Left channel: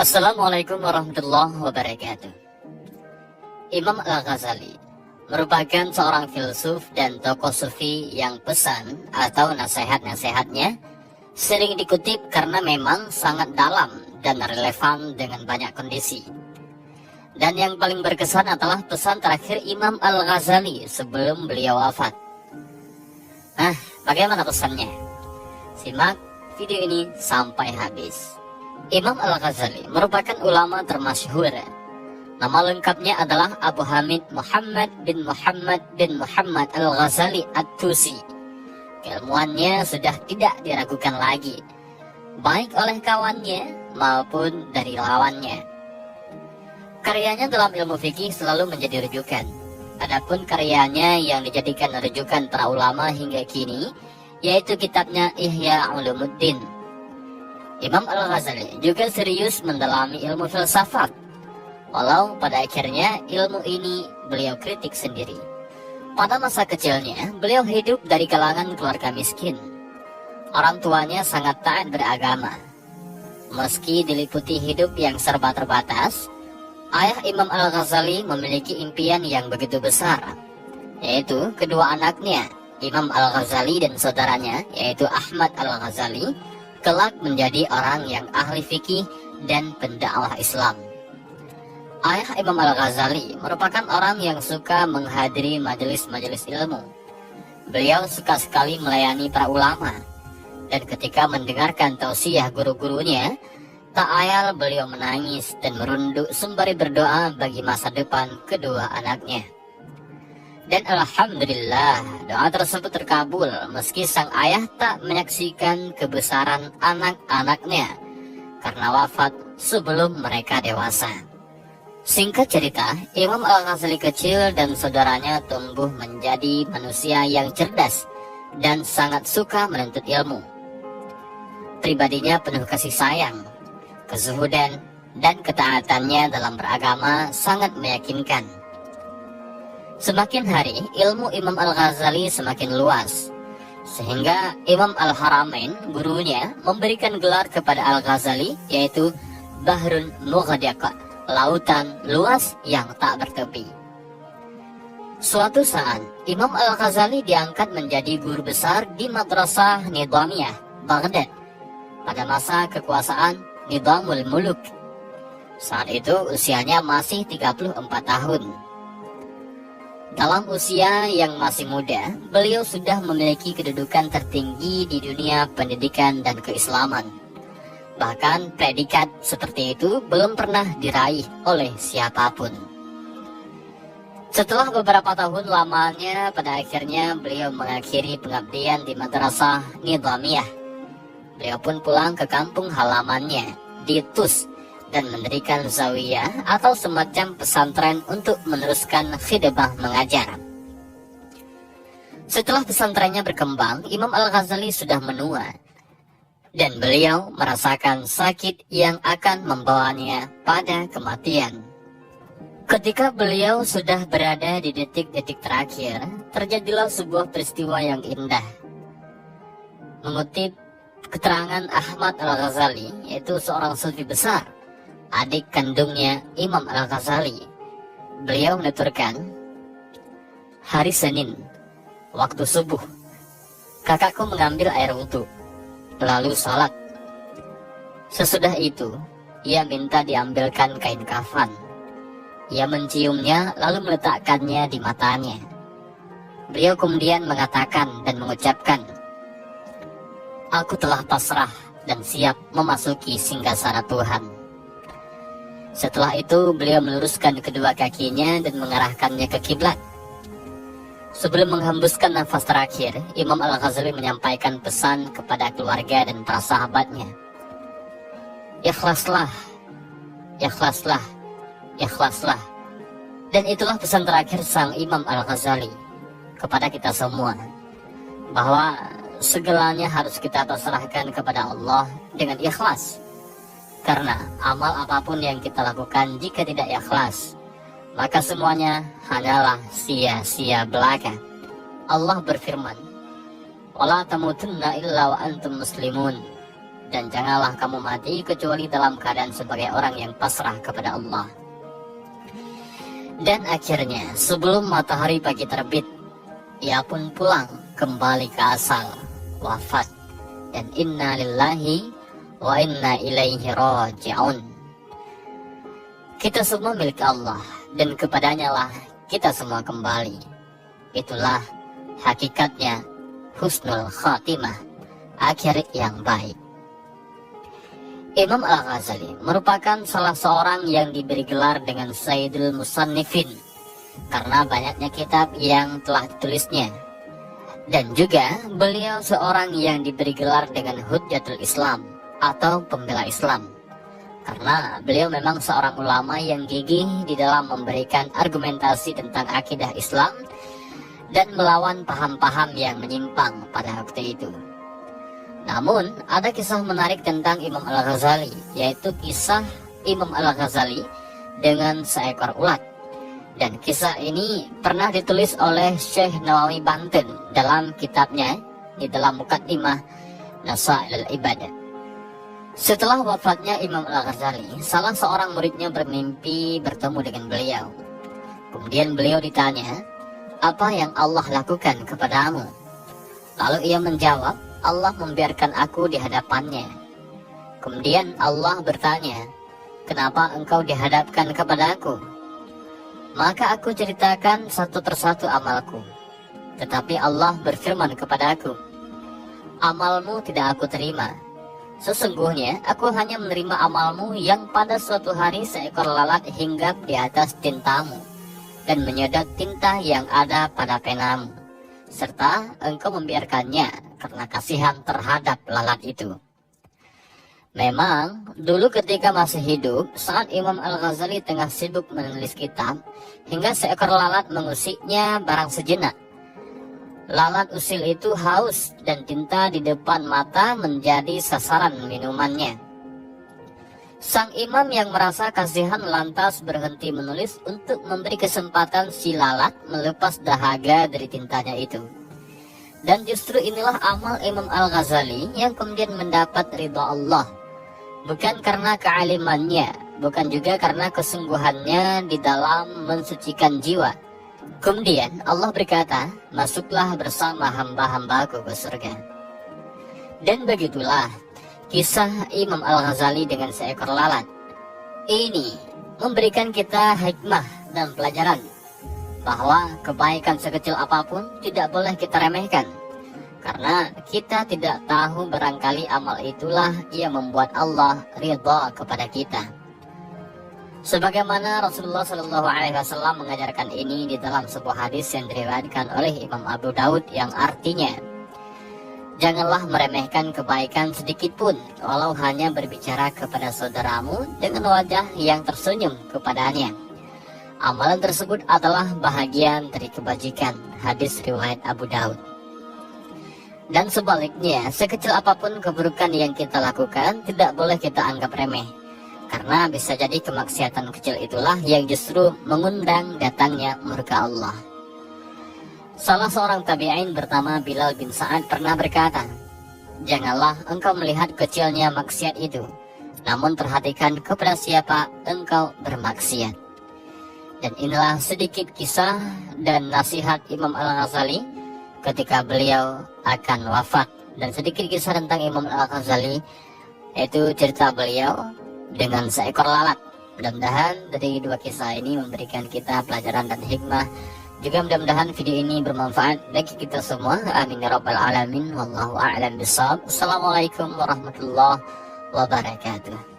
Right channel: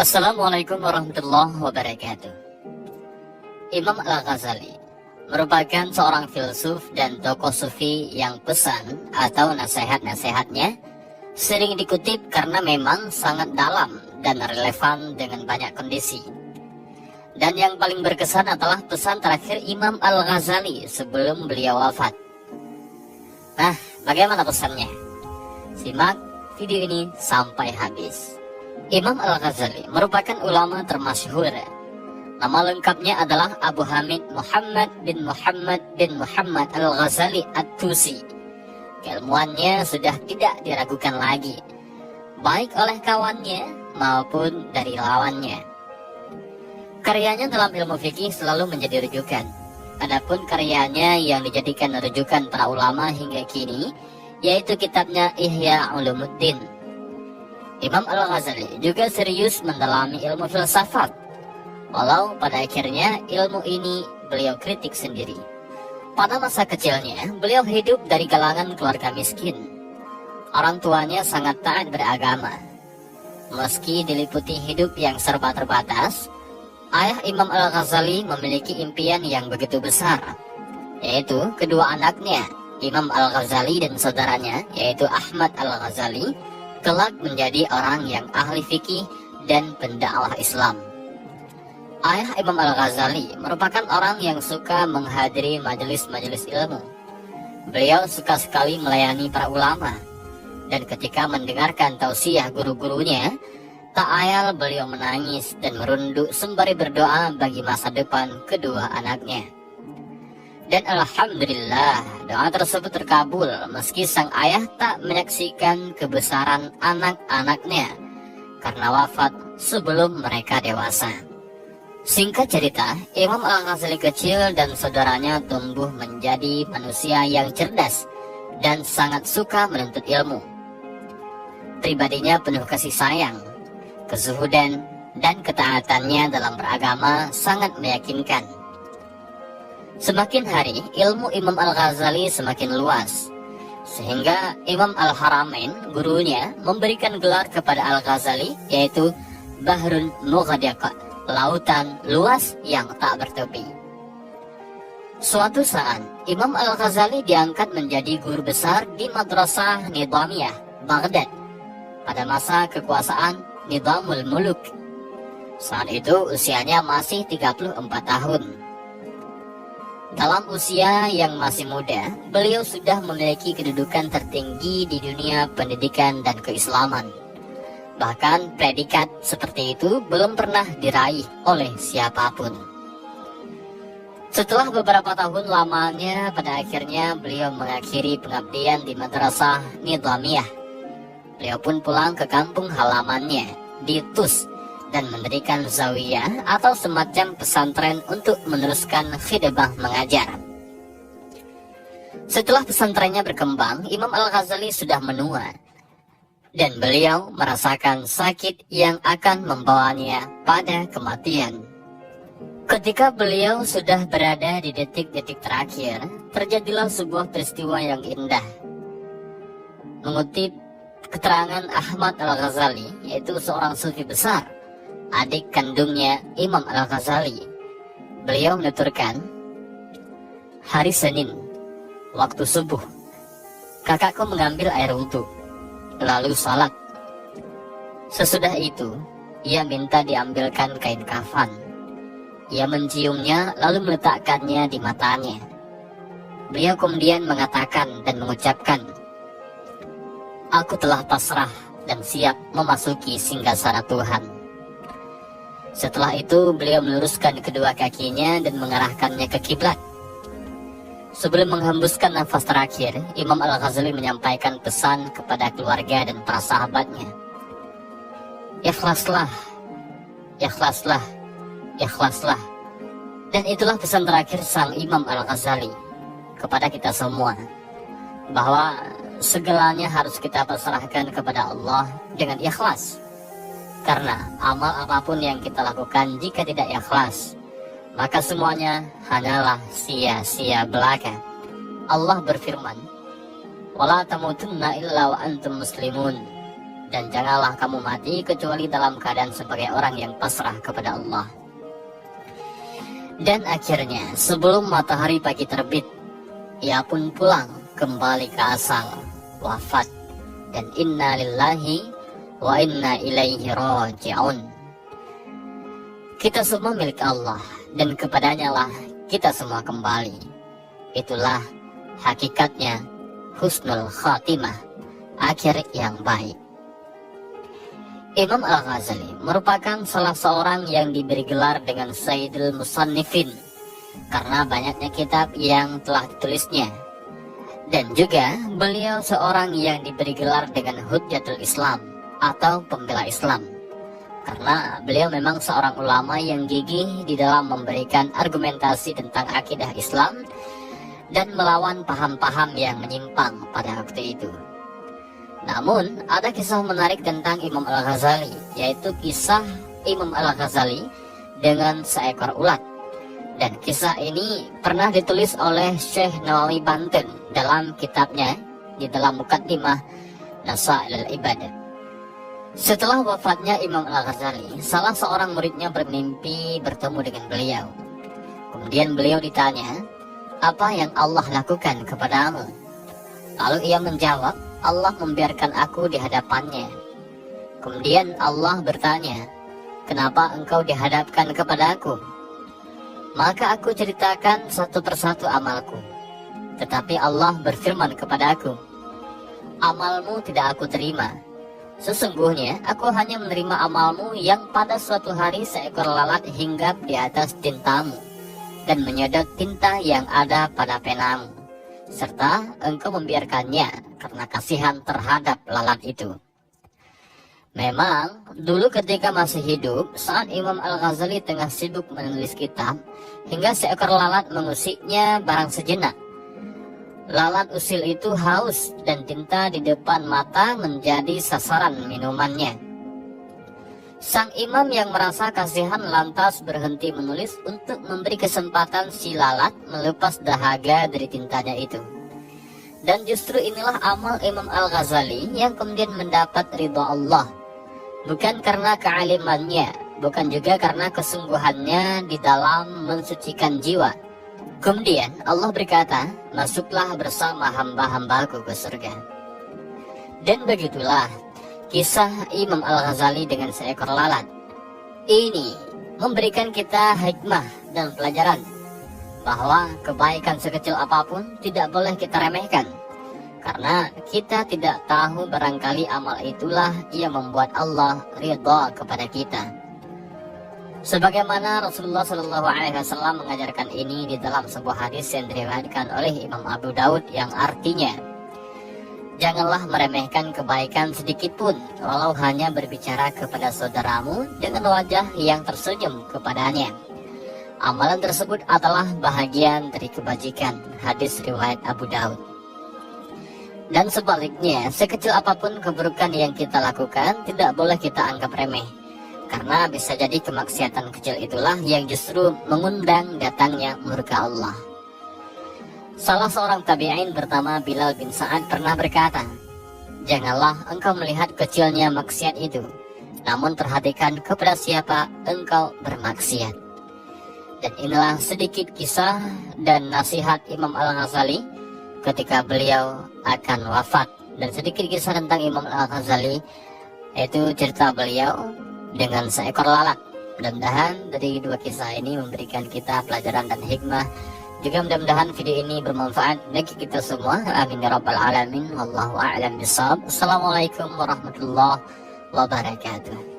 Assalamualaikum warahmatullahi wabarakatuh. Imam Al-Ghazali merupakan seorang filsuf dan tokoh sufi yang pesan atau nasihat-nasihatnya sering dikutip karena memang sangat dalam dan relevan dengan banyak kondisi. Dan yang paling berkesan adalah pesan terakhir Imam Al-Ghazali sebelum beliau wafat. Nah, bagaimana pesannya? Simak video ini sampai habis. Imam Al-Ghazali merupakan ulama termasyhur. Nama lengkapnya adalah Abu Hamid Muhammad bin Muhammad Al-Ghazali At-Tusi. Keilmuannya sudah tidak diragukan lagi, baik oleh kawannya maupun dari lawannya. Karyanya dalam ilmu fikih selalu menjadi rujukan. Adapun karyanya yang dijadikan rujukan para ulama hingga kini, yaitu kitabnya Ihya Ulumuddin. Imam Al-Ghazali juga serius mendalami ilmu filsafat, walau pada akhirnya ilmu ini beliau kritik sendiri. Pada masa kecilnya, beliau hidup dari kalangan keluarga miskin. Orang tuanya sangat taat beragama. Meski diliputi hidup yang serba terbatas, ayah Imam Al-Ghazali memiliki impian yang begitu besar, yaitu kedua anaknya, Imam Al-Ghazali dan saudaranya, yaitu Ahmad Al-Ghazali, kelak menjadi orang yang ahli fikih dan pendakwah Islam. Ayah Imam Al-Ghazali merupakan orang yang suka menghadiri majelis-majelis ilmu. Beliau suka sekali melayani para ulama, dan ketika mendengarkan tausiah guru-gurunya, tak ayal beliau menangis dan merunduk sembari berdoa bagi masa depan kedua anaknya. Dan alhamdulillah, doa tersebut terkabul meski sang ayah tak menyaksikan kebesaran anak-anaknya karena wafat sebelum mereka dewasa. Singkat cerita, Imam Al-Ghazali kecil dan saudaranya tumbuh menjadi manusia yang cerdas dan sangat suka menuntut ilmu. Pribadinya penuh kasih sayang, kezuhudan, dan ketaatannya dalam beragama sangat meyakinkan. Semakin hari, ilmu Imam Al-Ghazali semakin luas, sehingga Imam Al-Haramain, gurunya, memberikan gelar kepada Al-Ghazali, yaitu Bahrul Mughadiq, lautan luas yang tak bertepi. Suatu saat, Imam Al-Ghazali diangkat menjadi guru besar di Madrasah Nidhamiyah, Baghdad, pada masa kekuasaan Nidhamul Muluk. Saat itu usianya masih 34 tahun. Dalam usia yang masih muda, beliau sudah memiliki kedudukan tertinggi di dunia pendidikan dan keislaman. Bahkan predikat seperti itu belum pernah diraih oleh siapapun. Setelah beberapa tahun lamanya, pada akhirnya beliau mengakhiri pengabdian di Madrasah Nidhamiyah. Beliau pun pulang ke kampung halamannya di Tus dan mendirikan zawiyah atau semacam pesantren untuk meneruskan khidmah mengajar. Setelah pesantrennya berkembang, Imam Al-Ghazali sudah menua, dan beliau merasakan sakit yang akan membawanya pada kematian. Ketika beliau sudah berada di detik-detik terakhir, terjadilah sebuah peristiwa yang indah. Mengutip keterangan Ahmad Al-Ghazali, yaitu seorang sufi besar, adik kandungnya Imam Al-Ghazali, beliau menuturkan, hari Senin, waktu subuh, kakakku mengambil air wudhu, lalu salat. Sesudah itu, ia minta diambilkan kain kafan. Ia menciumnya lalu meletakkannya di matanya. Beliau kemudian mengatakan dan mengucapkan, aku telah pasrah dan siap memasuki singgasana Tuhan. Setelah itu beliau meluruskan kedua kakinya dan mengarahkannya ke kiblat. Sebelum menghembuskan nafas terakhir, Imam Al-Ghazali menyampaikan pesan kepada keluarga dan para sahabatnya. Ikhlaslah, ikhlaslah, ikhlaslah. Dan itulah pesan terakhir sang Imam Al-Ghazali kepada kita semua, bahwa segalanya harus kita pasrahkan kepada Allah dengan ikhlas. Karena amal apapun yang kita lakukan jika tidak ikhlas, maka semuanya hanyalah sia-sia belaka. Allah berfirman, "Wala tamutunna illa wa antum muslimun." dan janganlah kamu mati kecuali dalam keadaan sebagai orang yang pasrah kepada Allah. Dan akhirnya sebelum matahari pagi terbit, ia pun pulang kembali ke asal, wafat. Dan inna lillahi wa inna ilaihi raji'un. Kita semua milik Allah, dan kepadanya lah kita semua kembali. Itulah hakikatnya husnul khatimah, akhir yang baik. Imam Al-Ghazali merupakan salah seorang yang diberi gelar dengan Sayyidul Musannifin karena banyaknya kitab yang telah ditulisnya. Dan juga beliau seorang yang diberi gelar dengan Hujjatul Islam atau pembela Islam, karena beliau memang seorang ulama yang gigih di dalam memberikan argumentasi tentang akidah Islam dan melawan paham-paham yang menyimpang pada waktu itu. Namun ada kisah menarik tentang Imam Al-Ghazali, yaitu kisah Imam Al-Ghazali dengan seekor ulat. Dan kisah ini pernah ditulis oleh Syekh Nawawi Banten dalam kitabnya di dalam Muqaddimah Nasail al-Ibadah. Setelah wafatnya Imam Al-Ghazali, salah seorang muridnya bermimpi bertemu dengan beliau. Kemudian beliau ditanya, "Apa yang Allah lakukan kepadamu?" Lalu ia menjawab, "Allah membiarkan aku di hadapannya." Kemudian Allah bertanya, "Kenapa engkau dihadapkan kepadaku?" Maka aku ceritakan satu persatu amalku. Tetapi Allah berfirman kepada aku, "Amalmu tidak aku terima. Sesungguhnya aku hanya menerima amalmu yang pada suatu hari seekor lalat hinggap di atas tintamu dan menyedot tinta yang ada pada penamu, serta engkau membiarkannya karena kasihan terhadap lalat itu." Memang, dulu ketika masih hidup, saat Imam Al-Ghazali tengah sibuk menulis kitab, hingga seekor lalat mengusiknya barang sejenak. Lalat usil itu haus dan tinta di depan mata menjadi sasaran minumannya. Sang imam yang merasa kasihan lantas berhenti menulis untuk memberi kesempatan si lalat melepas dahaga dari tintanya itu. Dan justru inilah amal Imam Al-Ghazali yang kemudian mendapat ridha Allah. Bukan karena kealimannya, bukan juga karena kesungguhannya di dalam mensucikan jiwa. Kemudian Allah berkata, "Masuklah bersama hamba-hambaku ke surga." Dan begitulah kisah Imam Al-Ghazali dengan seekor lalat. Ini memberikan kita hikmah dan pelajaran bahwa kebaikan sekecil apapun tidak boleh kita remehkan. Karena kita tidak tahu barangkali amal itulah yang membuat Allah ridha kepada kita. Sebagaimana Rasulullah SAW mengajarkan ini di dalam sebuah hadis yang diriwayatkan oleh Imam Abu Daud yang artinya, "Janganlah meremehkan kebaikan sedikit pun, walau hanya berbicara kepada saudaramu dengan wajah yang tersenyum kepadanya. Amalan tersebut adalah bahagian dari kebajikan." Hadis riwayat Abu Daud. Dan sebaliknya, sekecil apapun keburukan yang kita lakukan tidak boleh kita anggap remeh, karena bisa jadi kemaksiatan kecil itulah yang justru mengundang datangnya murka Allah. Salah seorang tabi'in bernama Bilal bin Sa'ad pernah berkata, "Janganlah engkau melihat kecilnya maksiat itu, namun perhatikan kepada siapa engkau bermaksiat." Dan inilah sedikit kisah dan nasihat Imam Al-Ghazali ketika beliau akan wafat. Dan sedikit kisah tentang Imam Al-Ghazali, itu cerita beliau dengan seekor lalat. Mudah-mudahan dari dua kisah ini memberikan kita pelajaran dan hikmah. Juga mudah-mudahan video ini bermanfaat bagi kita semua. Amin ya rabbal alamin. Wallahu a'lam bishawab. Assalamualaikum warahmatullahi wabarakatuh.